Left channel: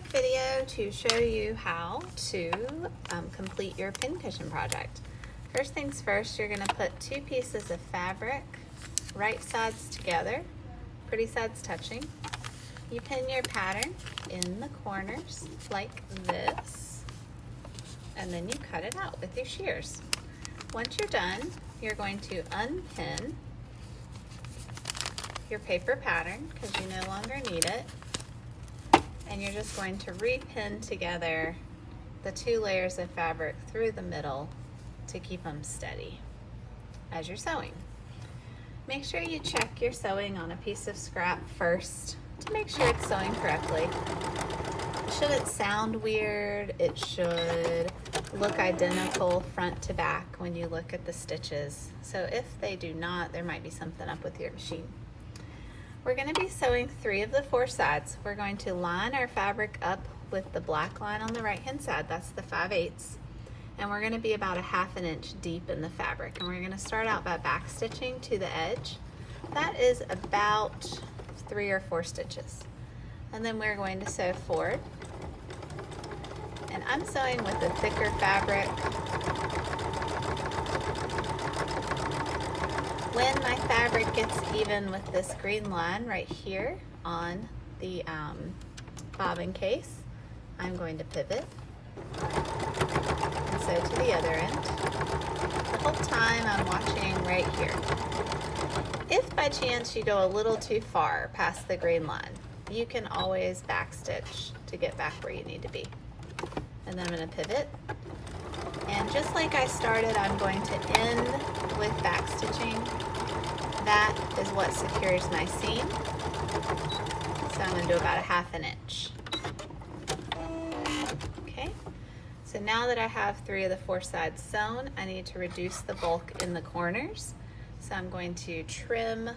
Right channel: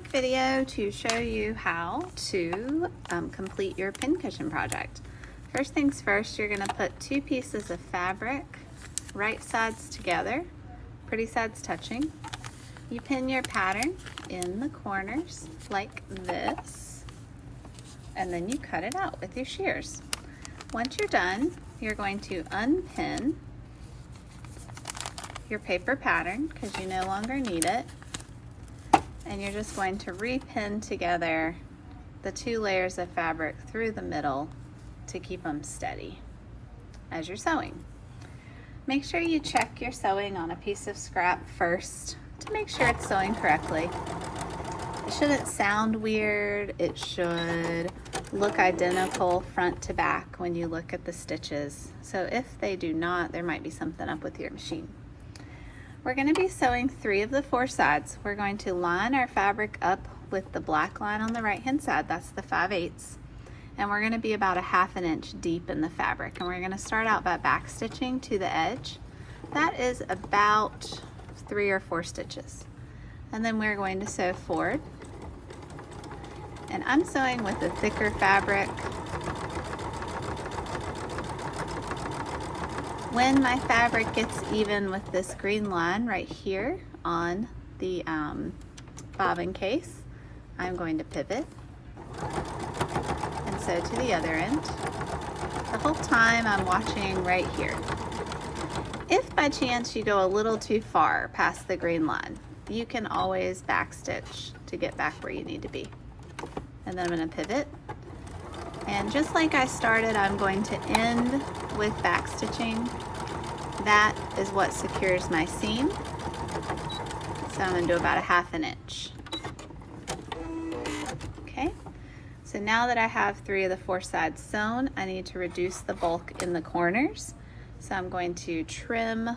quick video to show you how to complete your pincushion project. First things first, you're going to put two pieces of fabric, right sides together, pretty sides touching. You pin your pattern in the corners like this, and then you cut it out with your shears. Once you're done, you're going to unpin your paper pattern because you no longer need it, and you're just going to repin together the two layers of fabric through the middle to keep them steady as you're sewing. Make sure you check your sewing on a piece of scrap first to make sure it's sewing correctly. It shouldn't sound weird. It should look identical front to back when you look at the stitches. So if they do not, there might be something up with your machine. We're going to be sewing 3 of the 4 sides. We're going to line our fabric up with the black line on the right hand side. That's the 5/8. And we're going to be about a 1/2 inch deep in the fabric. And we're going to start out by back stitching to the edge. That is about 3 or 4 stitches. And then we're going to sew forward. And I'm sewing with a thicker fabric. When my fabric gets even with this green line right here on the bobbin case, I'm going to pivot and sew to the other end. The whole time I'm watching right here. If by chance you go a little too far past the green line, you can always backstitch to get back where you need to be. And then I'm going to pivot. And just like I started, I'm going to end with backstitching. That is what secures my seam. So I'm going to do about a 1/2 inch. Okay, so now that I have 3 of the 4 sides sewn, I need to reduce the bulk in the corners. So I'm going to trim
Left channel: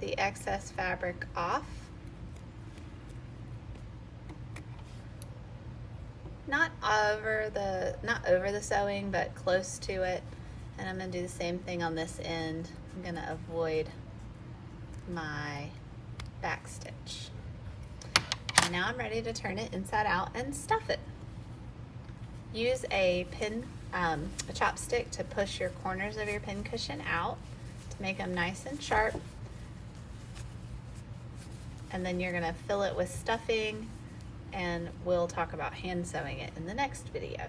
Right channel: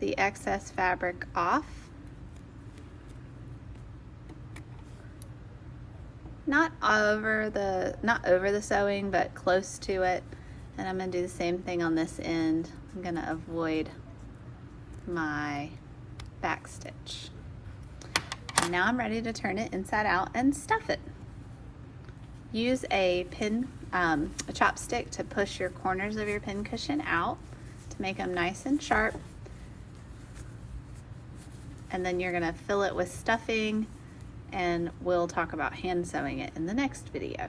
the excess fabric off. Not over the sewing, but close to it. And I'm going to do the same thing on this end. I'm going to avoid my back stitch. And now I'm ready to turn it inside out and stuff it. Use a chopstick to push your corners of your pin cushion out to make them nice and sharp. And then you're going to fill it with stuffing, and we'll talk about hand sewing it in the next video.